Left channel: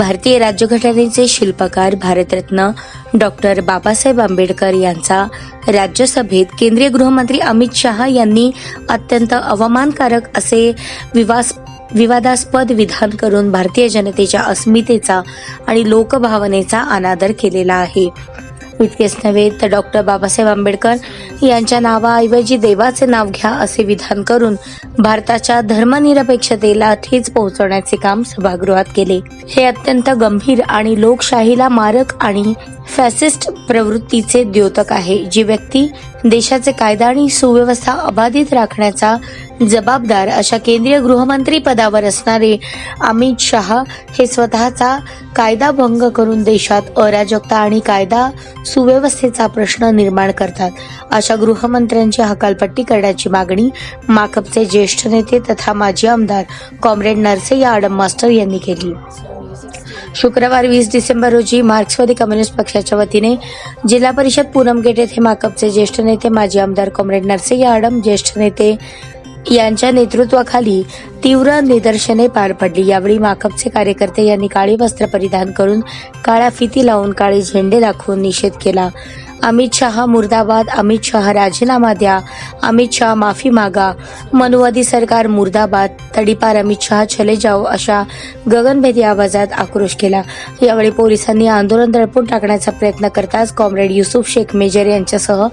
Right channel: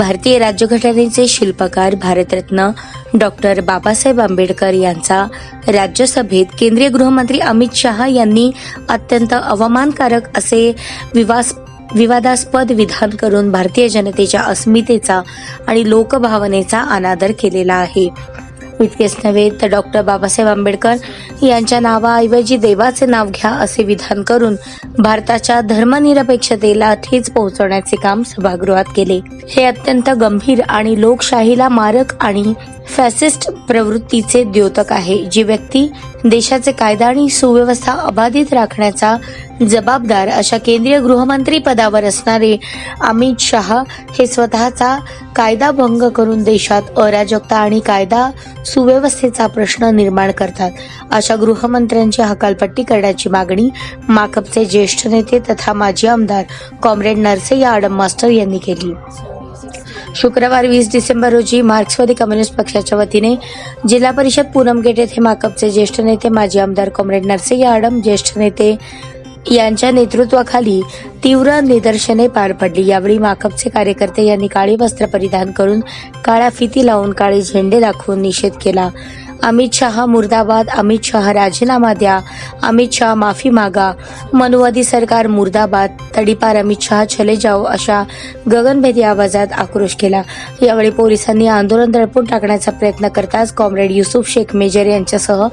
भारतीय राज्यघटनेचे शिल्पकार भारतरत्न डॉक्टर बाबासाहेब आंबेडकर यांचा राज्यसभेत केंद्रीय गृहमंत्री अमित शहा यांनी अत्यंत अवमानकारक असे विवास विवादास्पद विधान करून भारतीय जनतेच्या अस्मितेचा आणि लोकभावनेचा अनादर केलेला आहे. इतकेच नव्हे तर डॉक्टर बाबासाहेब आंबेडकर यांच्या नावाऐवजी देवाचे नाव घ्या असे विधान करून भारताच्या धर्मनिरपेक्षतेला ठेच पोहोचवण्याचे काम सभागृहात केले. हे अत्यंत गंभीर आणि लोकशाहीला मारक आणि फॅसिस्ट प्रवृत्तीचे द्योतक आहे. जी व्यक्ती देशाचे कायदा आणि सुव्यवस्था अबाधित राखण्याचा जबाबदार अशा केंद्रीय गृहमंत्री पदावर असणारे अमित शहा हे स्वतःचा कायदा भंग करून देशात अराजकता आणि कायदा सुव्यवस्थेचा प्रश्न निर्माण करतात. अशा गृहमंत्र्यांची हकालपट्टी करण्याची मागणी माकपचे ज्येष्ठ नेते तथा माजी आमदार कॉम्रेड नरसय्या आडम मास्टर यांनी केली. शुक्रवार वीस डिसेंबर रोजी मार्क्सवादी कम्युनिस्ट पक्षाच्या वतीने जिल्हा परिषद पूनम गेट येथे माकपचे ज्येष्ठ नेते माजी आमदार कॉम्रेड नरसिंह आडम ज्येष्ठ नेते यांच्या नेतृत्वाखाली तीव्र निदर्शने पार पडली. यावेळी माकपचे कार्यकर्ते यांनी काळी वस्त्र परिधान करून काळ्या फिती लावून काळे झेंडे दाखवून निषेध केला. अमित शहा मुर्दाबाद अमित शहा राजीनामा द्या अमित शहा माफी मागा मनुवादी सरकार मुर्दाबाद तडीपार अमित शहा चले जाओ अशा गगनभेदी आवाजात आक्रोश केला. यावेळी पोलिसांनी आंदोलन दडपून टाकण्याचा प्रयत्न करताच कॉम्रेड युसुफ शेख मेजर यांच्यासह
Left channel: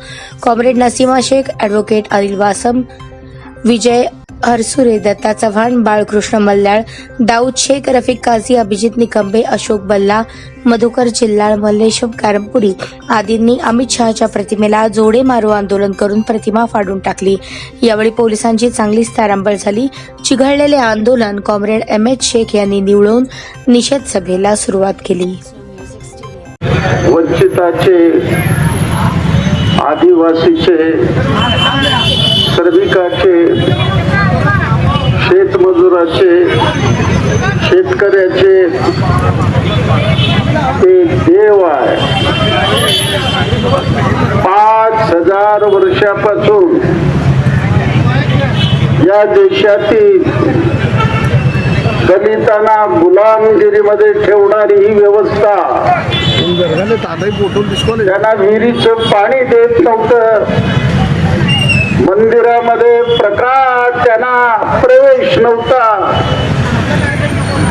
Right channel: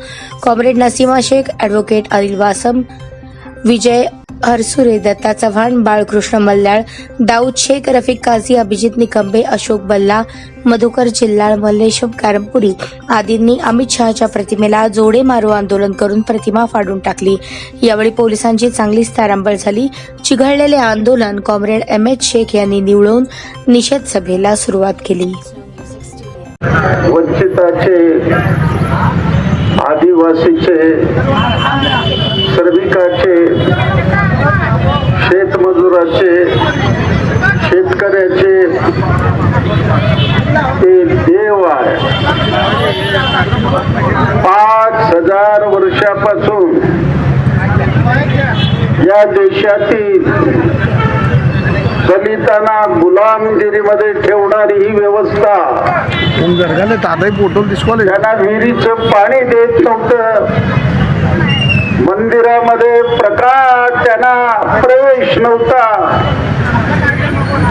कॉम्रेड नसीमा शेख ॲडव्होकेट अनिल वासम विजय हरसुरे दत्ता चव्हाण बाळकृष्ण मल्ल्याळ दाऊद शेख रफिक काझी अभिजित निकंबे अशोक बल्ला मधुकर चिल्लाळ मल्लेशम कारमपुरी आदींनी अमित शहाच्या प्रतिमेला जोडे मारो आंदोलन करून प्रतिमा फाडून टाकली. यावेळी पोलिसांची चांगलीच तारांबळ झाली. चिघळलेले आंदोलन कॉम्रेड एम एच शेख यांनी निवळून निषेध सभेला सुरुवात केली. वंचिताचे आदिवासीचे श्रमिकाचे शेतमजुराचे शेतकऱ्याचे ते देव आहे. पाच हजार वर्षापासून या देशातील दलितांना गुलामगिरीमध्ये ठेवणारी ही व्यवस्था त्यांना विहिरीचं पाणी देत नव्हतं. मंदिरामध्ये प्रकाश त्यांना प्रवेश नव्हता.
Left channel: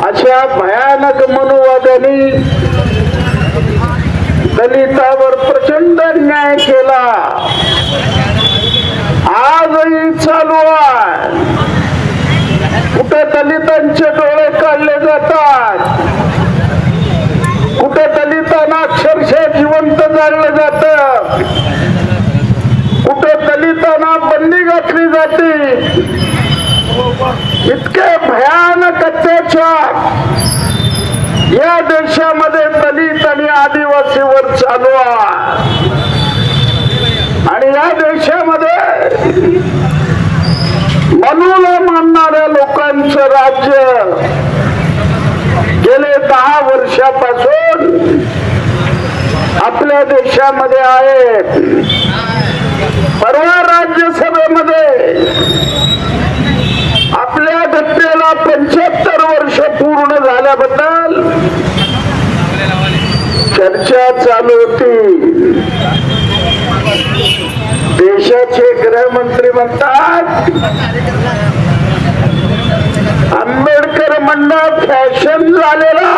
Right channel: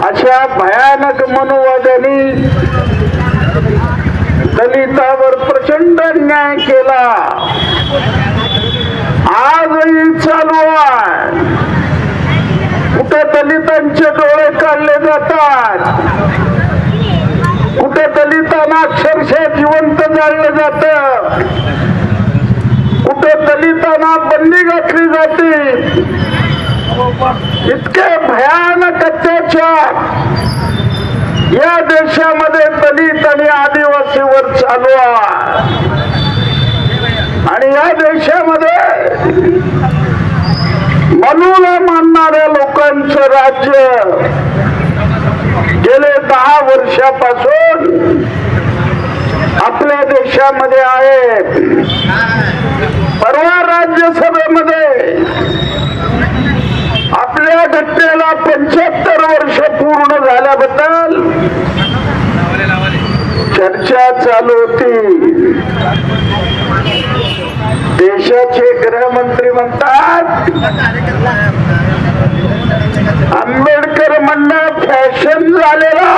अशा भयानक मनुवाद्यांनी दलितावर प्रचंड न्याय केला. आजही चालू आहे. कुठं दलितांचे डोळे काढले जातात? कुठे दलितांना अक्षरशः जिवंत जाळलं जात? कुठं दलितांना बंदी घातली जाते इतके भयानक अत्याचार। या देशामध्ये दलित आणि आदिवासीवर चालू आहे. आणि या देशामध्ये मनूला मानणाऱ्या लोकांचं राज्य गेले दहा वर्षापासून आपल्या देशामध्ये आहे. चर्चा चालू होती. देशाचे गृहमंत्री म्हणतात आंबेडकर म्हणणं फॅशन झालेला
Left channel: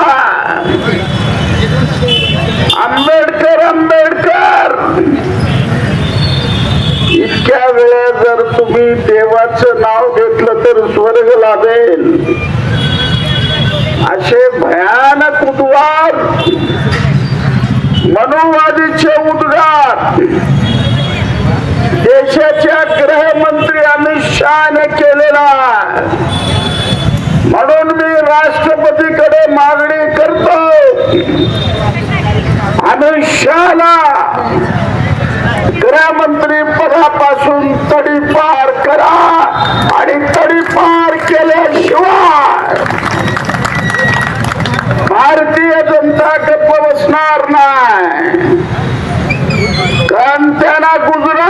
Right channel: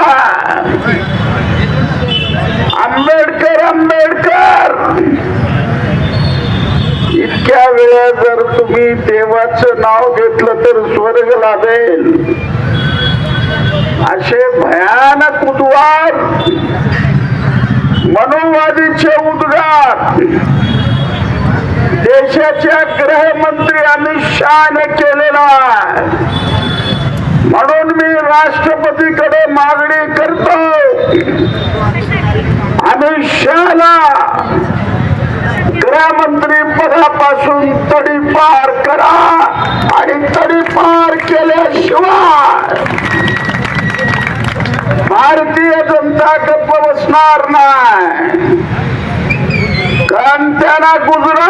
आंबेडकर आंबेडकर. इतक्या वेळा जर तुम्ही देवाचं नाव घेतलं तर स्वर्ग लाभेल असे भयानक उद्वार मनोवादीचे उद्गार. देशाच्या गृहमंत्री अमित शहाने केलेला म्हणून मी राष्ट्रपतीकडे मागणी करतो. अमित शहाला गृहमंत्री पदापासून huzura